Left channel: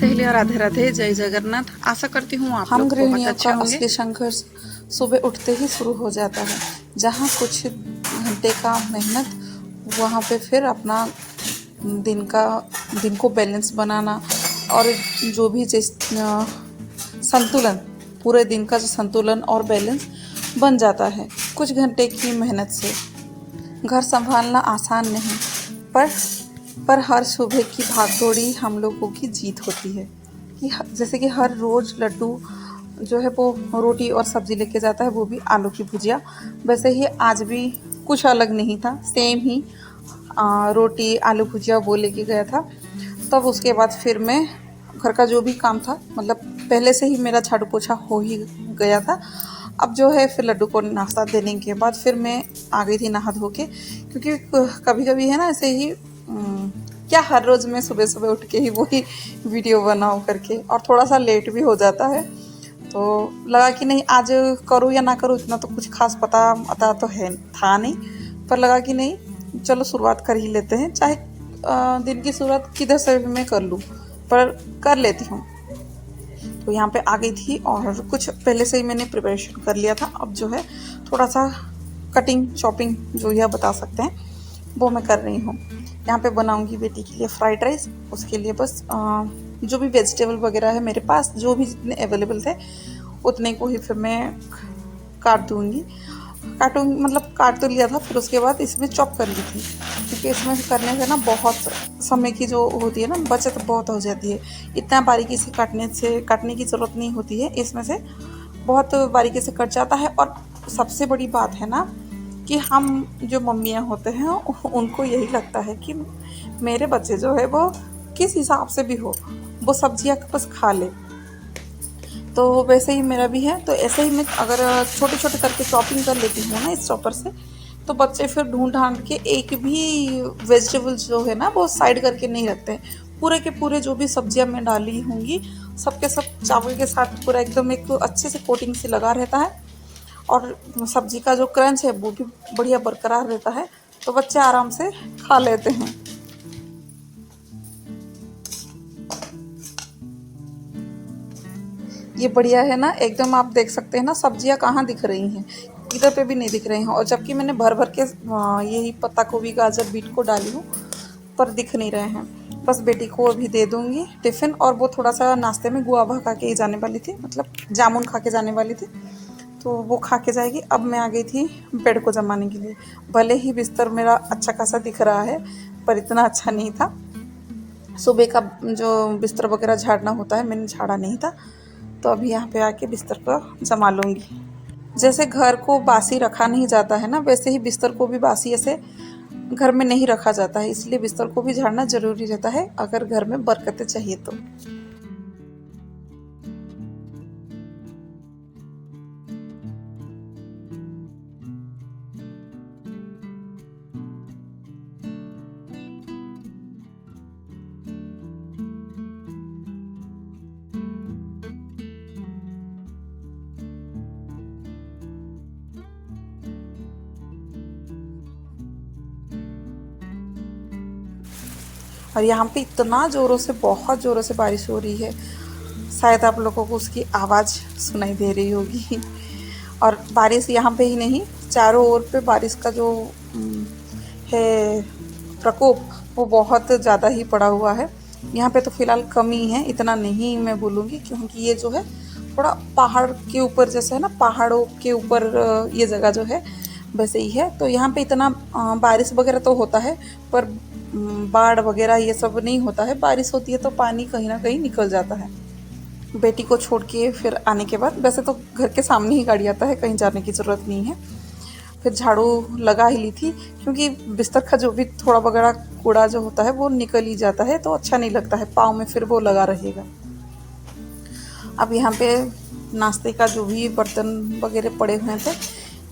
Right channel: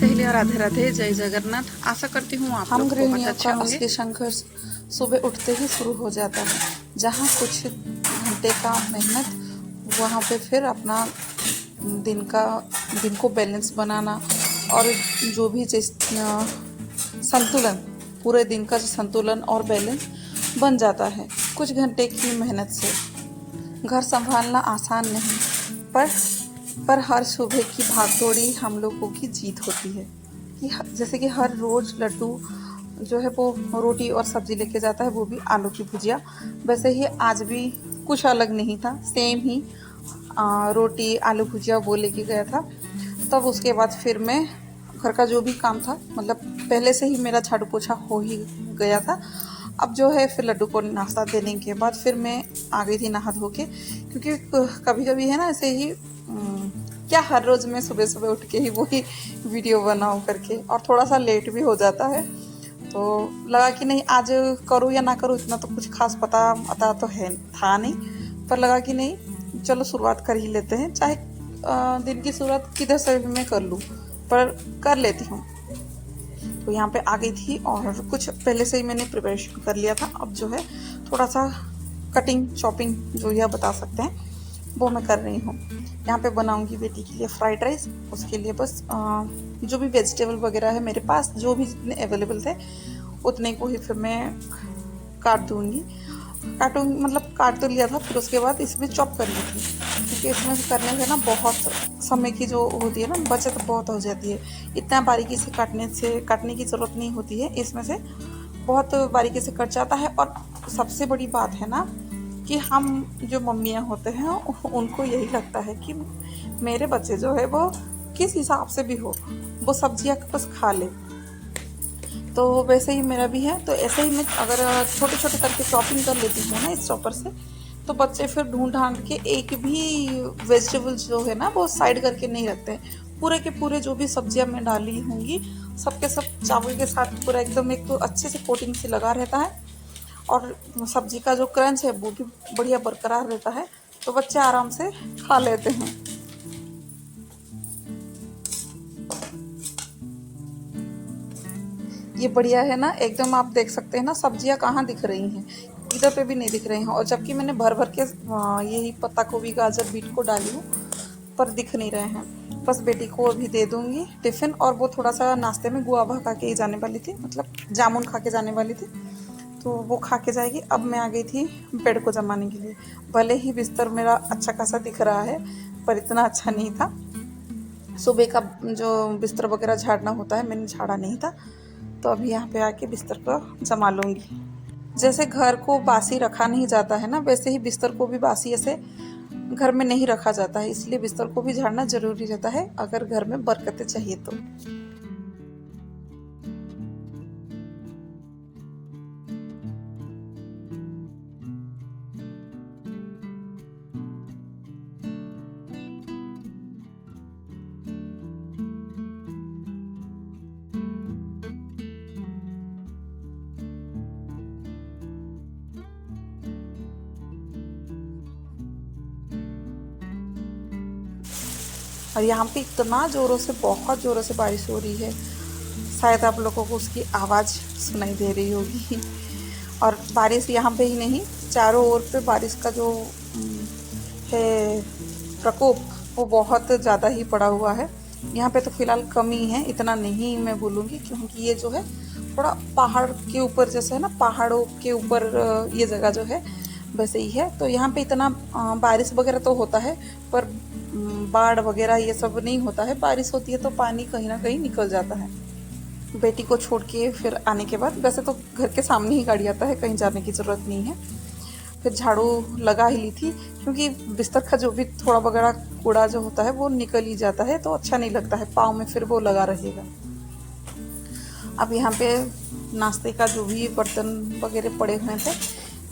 सहेली और राधे राधे, जय जगन्नाथ। आशा करती हूँ आप हम लोग बहुत गृहिणियों अच्छे का होंगे। असली संघर्ष सुबह उठते ही शुरू हो जाता है, जहाँ कुछ घंटे का मेहनत, वहाँ पे फिर अपना दिन को बैलेंस बनाना और जो भी संतुलन, पूरे दिन का जो संतुलन और बैलेंस बन जाता है कुछ घंटे की मेहनत से। घर संभालना आसान नहीं, पर हर सुबह की भागदौड़ी हम लोगों की जीत होती है। कि जैसे कि हर रोज़ लड्डू जो है वो रोटी और सब्ज़ी लेके जाता है, वो भी आलू की भुजिया। वैसे ही आज भी कुछ अलग नहीं था, सेम ही रोटी आलू भुजिया वो लेके गया था। तब उसके बाद फिर मैं घर का जो भी काम था, मतलब पहले से ही मेरा झाड़ू पोछा हो ही गया था। अब जो है फिर लड्डू को नाश्ता देने के बाद फिर मैं आ गई थी नहा धो के, क्योंकि कभी कभी है ना ऐसे ही क्या हर रोज़ मैं सुबह सुबह उठ के ही वही वीडियो बनाऊँ करके, और थोड़ा सा लेट भी हो जाता है। तो लगा कि नहीं, आज करूँ या ना करूँ इतना तो कुछ खास पता तो था नहीं, पर लगा कि नहीं चलो शुरुआत कर ही लेते हैं, चाहे दिन की शुरुआत किधर से भी मैं कर लूँ, पर कर लेती हूँ। तो यहाँ पे आ गई थी और कुछ पहले से ही मैंने प्रिपरेशन कर लिया था। अब जो है थोड़ा सा कटिंग चॉपिंग जो यह बता सकते हैं वो मैं कर रही हूँ। यहाँ पे बनाऊंगी बेटी के लिए फ्राइड राइस। उसके लिए बस जो भी वेजिटेबल वगैरह है मेरे पास, जो भी जितने अवेलेबल थे उतने को ही फिर मैं काटूंगी, मतलब काट तो लिया था, फिर उसके बाद इसमें चॉप कर ली थी, क्योंकि इसमें करने से ना बहुत समय की जो होती है ना बचत बहुत हो जाती है। इतना बारीकी से काटने की ज़रूरत नहीं होती है, इसमें से बहुत बारीकी से कट जाता है। और सबसे बड़ी बात है ना कि हम जो मम्मियाँ होते हैं उनको यही लगता है कि मेरे बच्चे जो है वो किस हिसाब से भी हो वो सब्जियाँ बस खा ले। तो वैसे ही मेरा भी है, तो ऐसे ही मैं अगर छोटे छोटे करके चॉपिंग कर लेती हूँ ना इस चॉपर से, तो बच्चे फिर ढूंढ ढांड के एक भी वेजिटेबल जो है ना वो साइड करके नहीं रखते हैं। पूरे के पूरे जो भी सब्जियां मैं डाली होंगी सबके सब चावल के साथ पूरा एकदम एक तो अच्छे से कोटिंग से लगा रहता है, और सब्जी का जो क्रंच है वो भी बढ़िया बरकरार रहता है, तो बच्चे आराम से खा लेते हैं। ये बढ़िया है ना, एकदम आप देख सकते हैं ना सब्जियां कहाँ दिख रही हैं, इधर पे भी नहीं दिख रही हैं। और जबकि मैंने भर भर के यही पत्ता गोभी गाजर बीट को डाली हूँ, पर दिख नहीं रहे हैं। बस बेटी को अभी दे दूँगी टिफ़िन, और वो थोड़ा सा नाश्ते में गुआवा खा के जाने वाली थी, मतलब जामुन खा के जाने वाली थी, तो वो खा के जाएगी। अब मैं आ गई थी बेड को जमाने के लिए। भले ही बिस्तर मेरा अच्छा खासा दिख रहा है, पर इतना अच्छा नहीं था। सुबह का जो बिस्तर वगैरह झाड़ना होता है मैंने झाड़ा नहीं था, तो अभी यहाँ पे आके बिस्तर को जमा लूँगी। जैसे घर को बासी रखा नहीं जाता है ना, वैसे ही बिस्तर को भी बासी ऐसे घर में नहीं रखा जाता है, इसलिए बिस्तर को भी झाड़ना ज़रूरी रहता है अगर घर में बरकतें चाहिए तो। और यहाँ पे इतना ज़ोरों से, बहुत ज़ोरों से बारिश हो रही है, शायद आप लोगों को उसकी आवाज़ सुनाई दे रही होगी। और बारिश यहाँ पे ही नहीं, चारों ओर पे बारिश का जो है प्रकोप वो बहुत ज़्यादा ही पड़ा हुआ है। यहाँ पे तो फ़िलहाल कम ही है, इतना नहीं मैं बोलूँगी, क्योंकि ये जो है थोड़ा पहाड़ के ऊपर जैसे है ना, पहाड़ों के ऊपर ये जगह जो है वैसे ही है। तो यहाँ पे इतना बारिश वगैरह तो होता है, पर बाढ़ वगैरह ये सब नहीं होता है। बारिश होती है तो पानी कहीं ना कहीं निकल जाता है। बेटी को छोड़ के फिर आने के बाद, वैसे तो घर के सामने ही गाड़ी आता है, कहीं जाने की ज़रूरत नहीं है। फिर झाड़ू लगा ही ली थी, क्योंकि बिस्तर का जो भी थोड़ा वगैरह कूड़ा जो होता है वो निकल ही जाता है, तो अच्छा नहीं लगता है, पाँव में फिर वो लगा रहेगा। अब यहाँ पे नाश्ते का जो भी बर्तन वगैरह पड़े हुए थे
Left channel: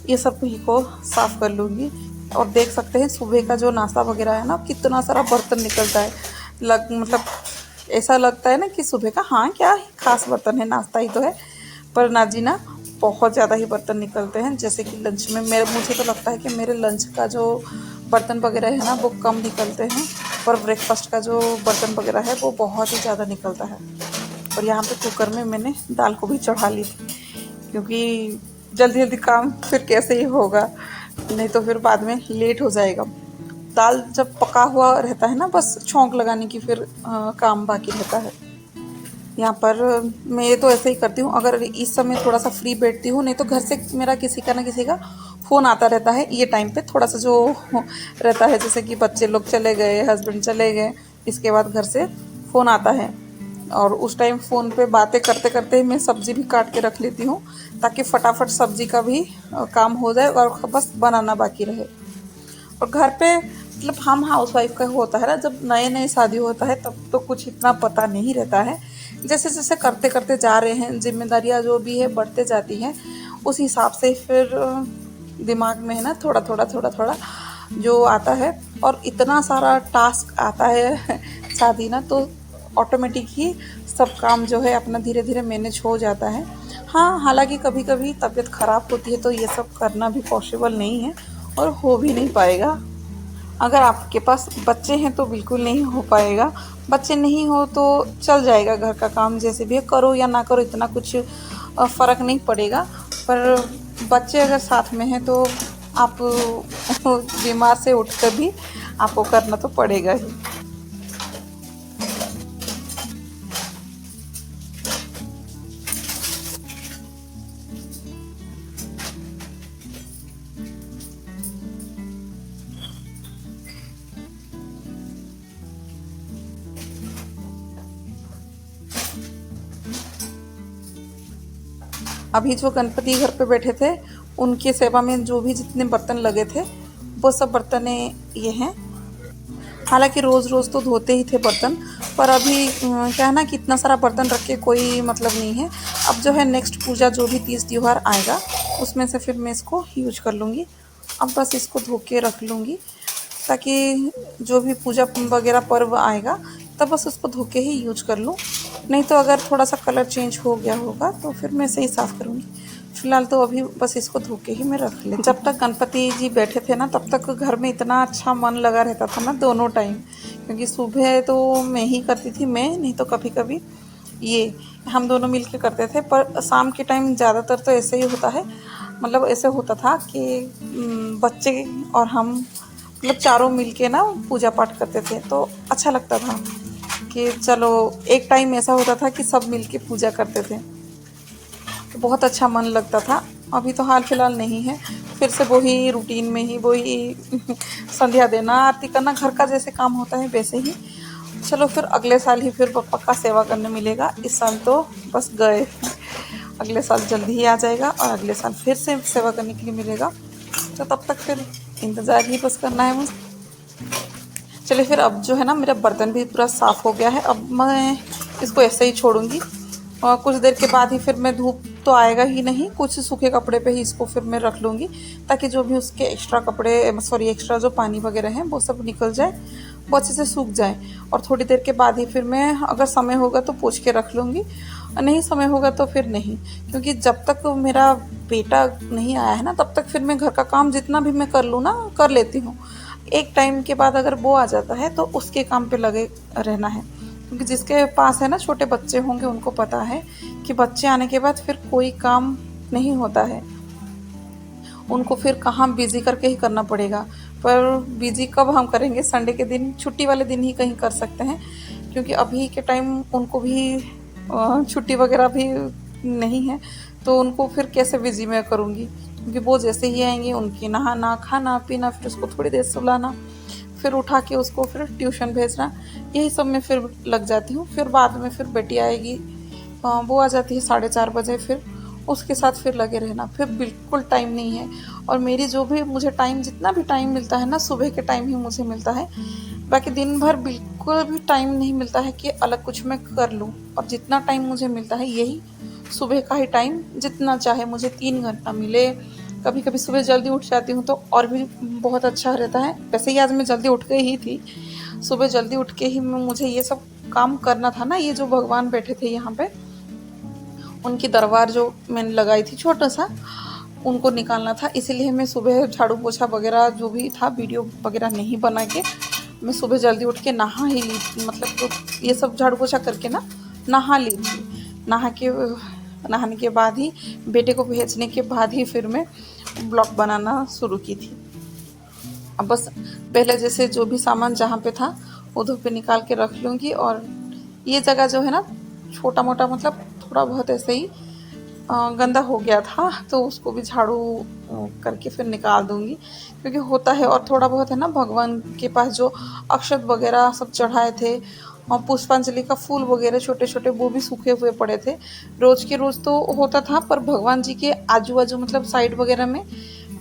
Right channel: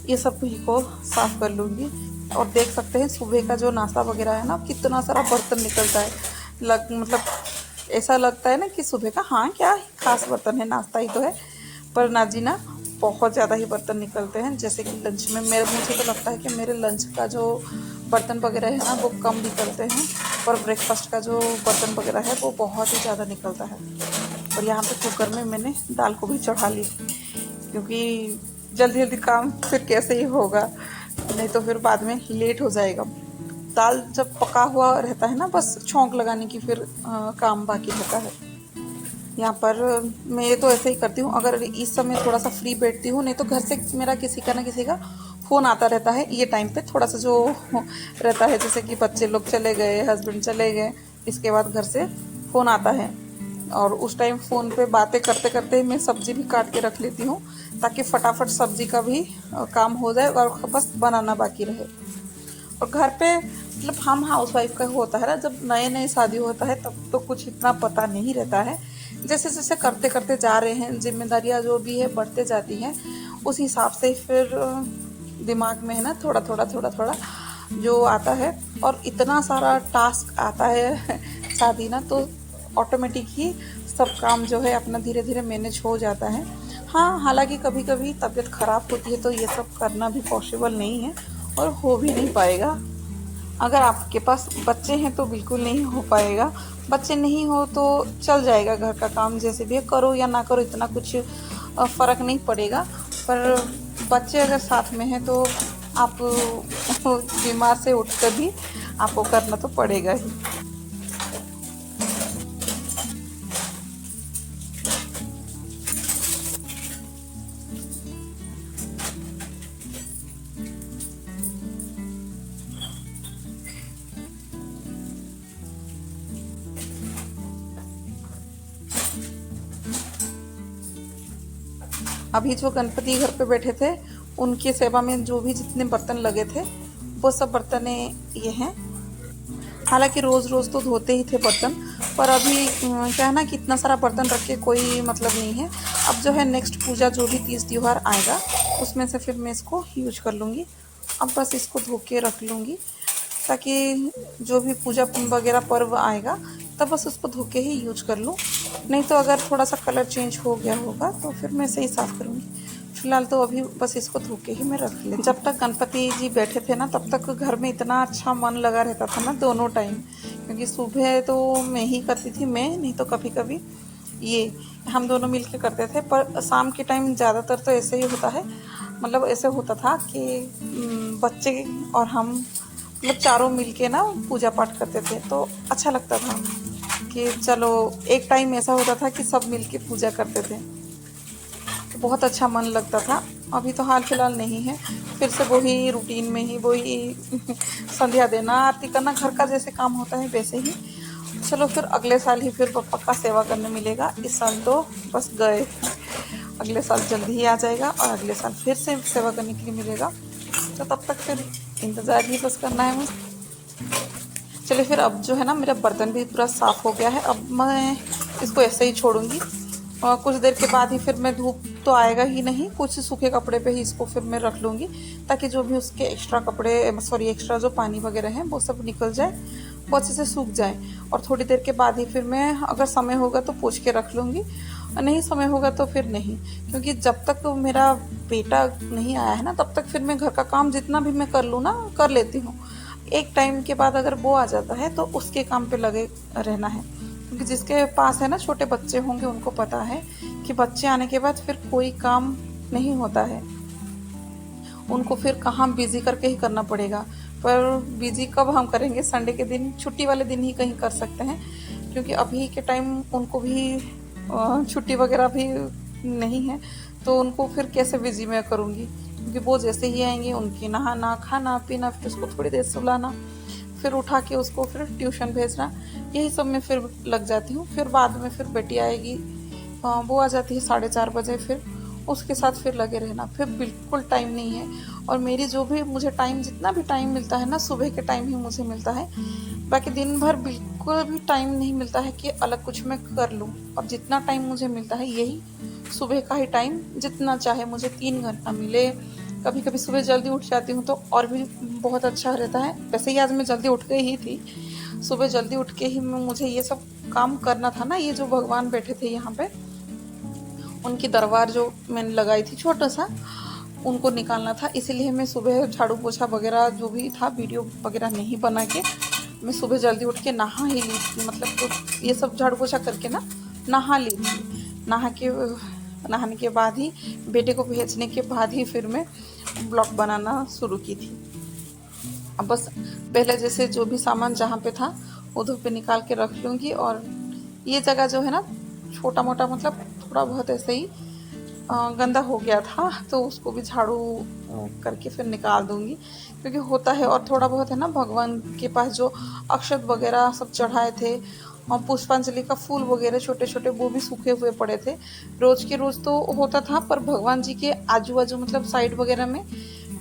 ये सब को साफ़ कर लूँगी। और देख सकते हैं सुबह का जो नाश्ता वगैरह है ना, कितना सारा बर्तन निकलता है। मतलब ऐसा लगता है ना कि सुबह का हाँ क्या खास बर्तन है, नाश्ता ही तो है, पर ना जी ना, बहुत ज़्यादा ही बर्तन निकलते हैं। जैसे कि लंच में मुझे तो लगता है कि मेरे लंच का जो बर्तन वगैरह है ना वो कम निकलते हैं, पर ब्रेकफास्ट का जो बर्तन वगैरह है वो बहुत ही ज़्यादा निकलता है। और यहाँ पे कुकर में मैंने दाल को भी चढ़ा ली थी, क्योंकि जल्दी जल्दी काम फिर कैसे ही होगा, नहीं तो फिर बाद में लेट हो जाएगा। दाल जब पका हुआ रहता है ना, बस छौंक लगाने की फिर काम बाकी रहता है। यहाँ पर मैं तो ऐसे ही करती हूँ, अगर इस समय थोड़ा सा फ्री बैठती हूँ, नहीं तो घर से मेरा किसी का ना किसी का फ़ोन आता रहता है ये टाइम पे, थोड़ा सा जो रहता है, जैसे कि बच्चे लोग चले गए, हस्बैंड चले गए, इसके बाद घर से फ़ोन आता है, और उस टाइम फ़ोन पे बातें करते करते ही मैं सब्ज़ी भी काट के रख लेती हूँ, ताकि फटाफट सब्ज़ी का भी काम हो जाए और बस बनाना बाकी रहे। और घर पे मतलब हम हाउस वाइफ का होता है ना, जब नए नए शादी होता है तब तो कुछ इतना पता नहीं रहता है। जैसे जैसे करते करते जा रहे हैं, जिम्मेदारियां जो भी है बढ़ते जाती हैं, उस हिसाब से फिर दिमाग में है ना थोड़ा थोड़ा जो आता है। और इतना सारा टास्क आता है शादी ना, तो ऑटोमेटिक ही सब काम जो है अपना धीरे धीरे मैनेज हो जाता है। हाँ, हालांकि कभी कभी तबीयत ख़राब होती है तो ये सब करना भी पॉसिबल नहीं है और हो भी नहीं पाएगा। अगर आपके पास बच्चे हैं तो बिल्कुल नहीं हो पाएगा, बच्चे नहीं हो तो चल जाएगा, घर का काम जैसे भी करो या ना करो इतना कुछ फ़र्क नहीं पड़ेगा। पर बच्चे अगर साथ में हैं तो आप बीमार से उठकर भी आपको करना तो पड़ेगा ही। अभी जो गणपति घर पे बैठे थे उनकी सेवा में जो भी जितने बर्तन लगे थे वो सब बर्तन ये हैं। हालांकि रोज़ रोज़ तो धोते ही थे बर्तन, पर अभी क्या है ना कि इतना सारा बर्तन रख के कोई मतलब नहीं है। अब जो है नेक्स्ट पूजा जो भी तीज त्यौहार आएगा उसमें से फिर मैं इसको यूज कर लूँगी। अब बस इसको धो के रख लूँगी, ताकि जो भी पूजा वगैरह पर्व आएगा तब बस उसको धो के ही यूज कर लूँ। नहीं तो अगर थोड़ा सा कलर चेंज हो गया होगा तो फिर मैं इसे ही साफ़ करूँगी। फिलहाल तो अभी बस इसको धो के ही मैं रख लें। जब तक गणपति जी बैठे थे ना तब तक घर में इतना अच्छा मन लगा रहता था ना दोनों टाइम, क्योंकि सुबह तो मैं ही करती थी, मैं नहीं तो कभी कभी ये हम दोनों मिल के करते थे। पर शाम के टाइम ज़्यादातर तो ऐसे ही होता है, मतलब ऐसे होता था कि बच्चे और हम मतलब चारों मिल के ना पूजा पाठ करते थे, तो अच्छा लगता था कि चलो एक टाइम ऐसा होता था कि सब मिल के पूजा करते थे, तो बहुत अच्छा मन लगता था। अभी तो हाल फिलहाल नहीं है, फिर से वही रूटीन में ही वही संध्या देना, आरती करना, घर का जैसे काम होता है वैसे ही। चलो फिर अगले साल ही फिर पप्पा का सेवा करने मिलेगा, इस साल तो बस गए, अगले साल जल्दी ही आ जाएगा और अगले साल फिर से सेवा करने के लिए मिलेगा। तो तब तक फिर इंतज़ार ही बस करना है मुझे। चलिए फिर अब जो है ना मेरा बर्तन भी पूरा साफ़ हो गया है, अब मैं इसको ऐसे ही छोड़ूंगी और कुछ देर के बाद ही फिर मैं, धूप तो आएगा ही नहीं, कुछ सूखे कपड़े पे ही इसको फिर मैं रख लूँगी, ताकि जो भी उसके एक्स्ट्रा कपड़े एक्स्ट्रा जो पानी वगैरह है वो सब निकल जाए, वो अच्छे से सूख जाए। और थोड़ी देर के बाद ही फिर मैं अगर समय होगा तो पोंछ के रख लूँगी, नहीं समय होगा तो फिर नहीं, क्योंकि जब तक मेरा बेटा नहीं आया है ना तब तक फिर मैं घर का काम जितना भी मैं कर लूँ ना कर लेती हूँ। एक टाइम के बाद अगर वो आ जाता है तो उसके काम पे लगे रहना है, क्योंकि जिसके पास है ना छोटे बच्चे होंगे उनको पता है कि बच्चे आने के बाद फिर कोई काम नहीं होता है, उनको फिर कहाँ बिजी करके ही करना पड़ेगा। पर बिजी कब हम करेंगे, संडे के दिन, छुट्टी वाले दिन ही कहीं कर सकते हैं, क्योंकि अभी के टाइम उनको भी छुट्टी वगैरह भी नहीं है, तो उनको फिर कैसे बिजी मैं करूँगी, क्योंकि वो जैसे ही आएंगे उनकी नहाना खाना पीना, फिर उसको थोड़ी देर सुलाना, फिर उठा के उसको फिर ट्यूशन भेजना, यही सब में फिर लग जाती हूँ। फिर बाद में फिर बेटी आएगी, वो आ जाती है 4:30 बजे, फिर उसके साथ फिर लगे रहना, फिर बिल्कुल टाइम नहीं है। और मेरी जो भी मुझे टाइम, जितना भी टाइम मिलता है ना सुबह के टाइम ही मुझे मिलता है, बाकी दिन भर बिल्कुल भी टाइम नहीं मिलता है कि अलग कुछ मैं कर लूँ। और जितना टाइम मुझे मिलता है यही सुबह का ही टाइम, जितना चाहे मुझे 3 घंटा मिले। कभी कभी सुबह जल्दी उठ जाती हूँ तो और भी बहुत अच्छा रहता है। वैसे ही आज मैं जल्दी उठ गई ही थी, सुबह जल्दी उठ के ही मुझे ये सब काम करना था ना। ये जो भगवान बैठे थे यहाँ पे, उनकी दरबार जो मैंने लगाई थी छोटा सा, उनको निकालना था, इसीलिए मैं सुबह झाड़ू पोछा वगैरह जो भी था वीडियो वगैरह नहीं बना के मैं सुबह जल्दी उठ के नहा ही ली थी, मतलब तो ये सब झाड़ू पोछा करके ना नहा ली थी। नहाने के बाद ही बेटे को भेजने के बाद ही फिर मैं ब्लॉग बनाना शुरू की थी। अब बस पहले जैसे जो भी सामान जहाँ पे था उधर पे निकाल के रख लूँगी, और ये जगह जो है ना छोटा मोटा मतलब थोड़ा बहुत ऐसे ही गंदा हो गया था, तो उसको भी झाड़ू करके फिर निकाल दूँगी, क्योंकि होता है। और थोड़ा बहुत है ना भगवान के पास जो अक्षत वगैरह सब चढ़ाए थे और पुष्पांजलि का फूल वगैरह छोटे छोटे वो भी सूखे हुए पड़े थे। रोज़ के रोज़ तो होता था, पर भगवान जी के आजू बाजू मतलब साइड वगैरह में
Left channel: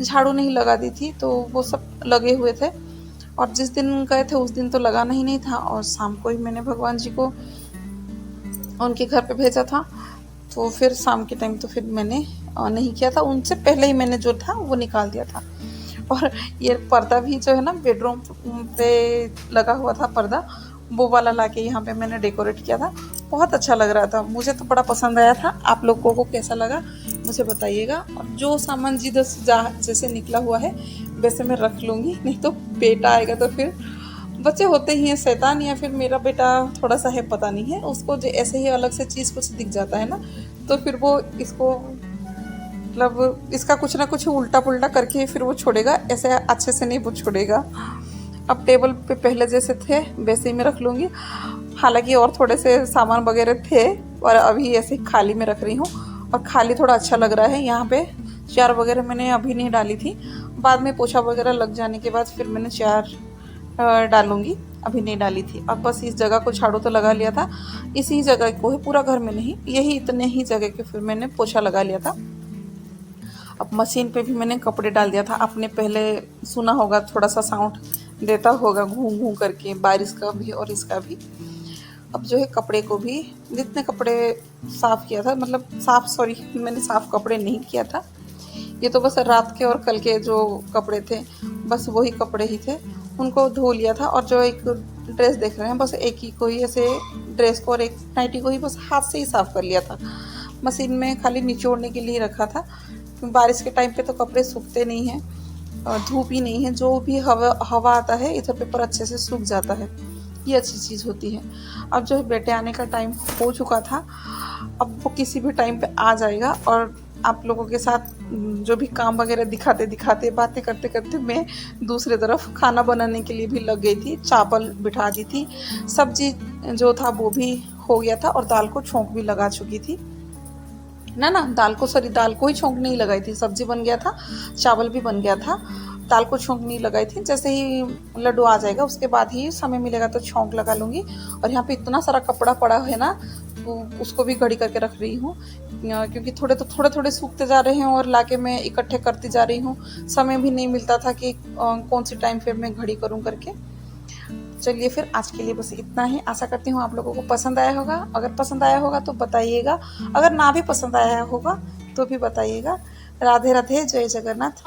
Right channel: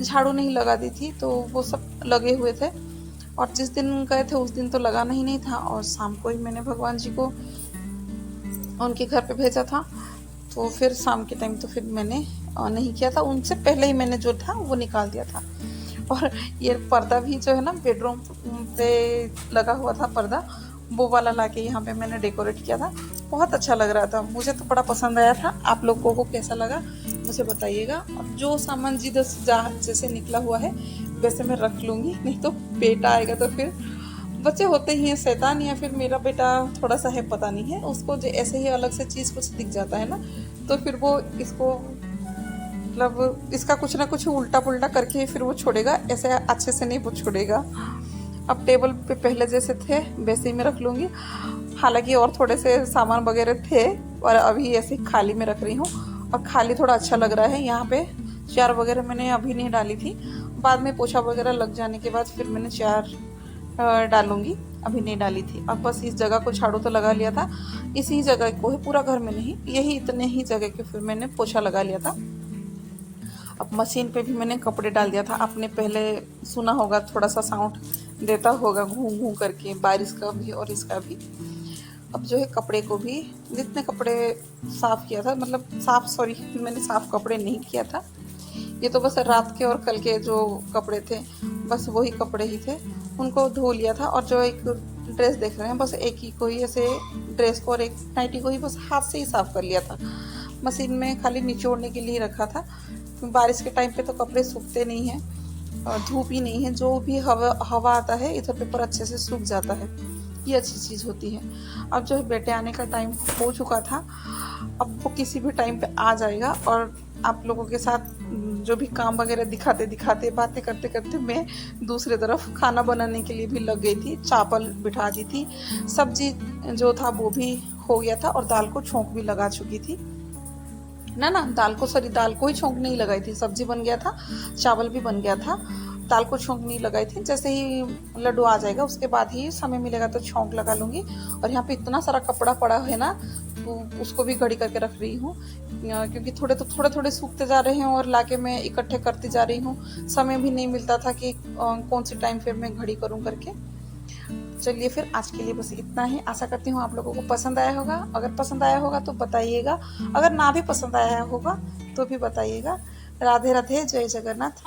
झाड़ू नहीं लगा दी थी, तो वो सब लगे हुए थे। और जिस दिन गए थे उस दिन तो लगाना ही नहीं था, और शाम को ही मैंने भगवान जी को उनके घर पे भेजा था, तो फिर शाम के टाइम तो फिर मैंने नहीं किया था। उनसे पहले ही मैंने जो था वो निकाल दिया था। और ये पर्दा भी जो है ना बेडरूम पे लगा हुआ था पर्दा, वो वाला लाके यहाँ पे मैंने डेकोरेट किया था। बहुत अच्छा लग रहा था, मुझे तो बड़ा पसंद आया था। आप लोगों को कैसा लगा मुझे बताइएगा। और जो सामान जिधर जैसे निकला हुआ है वैसे मैं रख लूँगी, नहीं तो बेटा आएगा तो फिर बच्चे होते ही हैं शैतान, या फिर मेरा बेटा थोड़ा सा है पता नहीं है, उसको जो ऐसे ही अलग से चीज़ कुछ दिख जाता है ना, तो फिर वो इसको मतलब इसका कुछ ना कुछ उल्टा पुल्टा करके फिर वो छोड़ेगा, ऐसे अच्छे से नहीं वो छोड़ेगा। अब टेबल पे पहले जैसे थे वैसे ही मैं रख लूँगी। हालांकि और थोड़े से सामान वगैरह थे, और अभी ऐसे खाली में रख रही हूँ, और खाली थोड़ा अच्छा लग रहा है। यहाँ पे चार वगैरह मैंने अभी नहीं डाली थी, बाद में पोछा वगैरह लग जाने के बाद फिर मैंने चार डालूंगी, अभी नहीं डाली थी। अब बस इस जगह को झाड़ू तो लगा लिया था, इसी जगह को है, पूरा घर में नहीं, यही इतने ही जगह के फिर मैंने पोछा लगा लिया था। अब मशीन पे भी मैंने कपड़े डाल दिया था। आपने पहले सुना होगा, थोड़ा सा साउंड देता होगा घूम घूम करके, बारिश का भी और इसका भी। अब जो है कपड़े को भी, जितने कपड़े साफ़ किया था, मतलब मैंने साफ़ कपड़े नहीं किया था, ये तो बस रात के और कल के जो कपड़े थे बस वही कपड़े ही थे, उनको धो लिया था। और जो एक ड्रेस देख रहे हैं बस एक ही को ही, ऐसे ड्रेस को और एक नाइटी को ही बस हाथ से ही साफ़ कर लिया था। मशीन में खाली निचोड़ने के लिए रखा था। बारिश के टाइम पे तो कपड़े सूखते नहीं हैं, और धूप ही नहीं है, जो भी हवा आता है इधर पेपर अच्छे से सूख जाता है, ये अच्छी चीज़ होती है। अब जो है बेटे आने का टाइम हो चुका था, अब वो किसी भी टाइम पे आ जाएगा, और आप लोगों के साथ जो भी काम वगैरह दिखाते दिखाते बातें करते करते मैं दूसरे तरफ खाना बनाने के लिए भी लग गई थी। चावल बिठा दी थी, सब्जी जो था वो भी हो गया था, और दाल को छोंक भी लगा चुकी थी ना दाल को ही छोंक नहीं लगाई थी, सब्जी बन गया था, चावल भी बन गया था, दाल को छोंक नहीं लगाई थी। जैसे ही लड्डू आ जाएगा उसके बाद ही समय मिलेगा तो छोंक लगा लूँगी। और यहाँ पे इतना सारा कपड़ा पड़ा है ना, तो उसको भी घड़ी करके रख रही हूँ, क्योंकि थोड़े थोड़े सूखते जा रहे हैं, और लाके मैं इकट्ठे करती जा रही हूँ। समय भी नहीं मिलता था कि कौन सी टाइम पे मैं घड़ी करूँ करके। चलिए फिर आज के लिए बस इतना ही। आशा करती हूँ आप लोगों को पसंद आया होगा। अगर पसंद आया होगा तो बताइएगा, अगर ना भी पसंद आया होगा तो भी बताइएगा। राधे राधे, जय जगन्नाथ।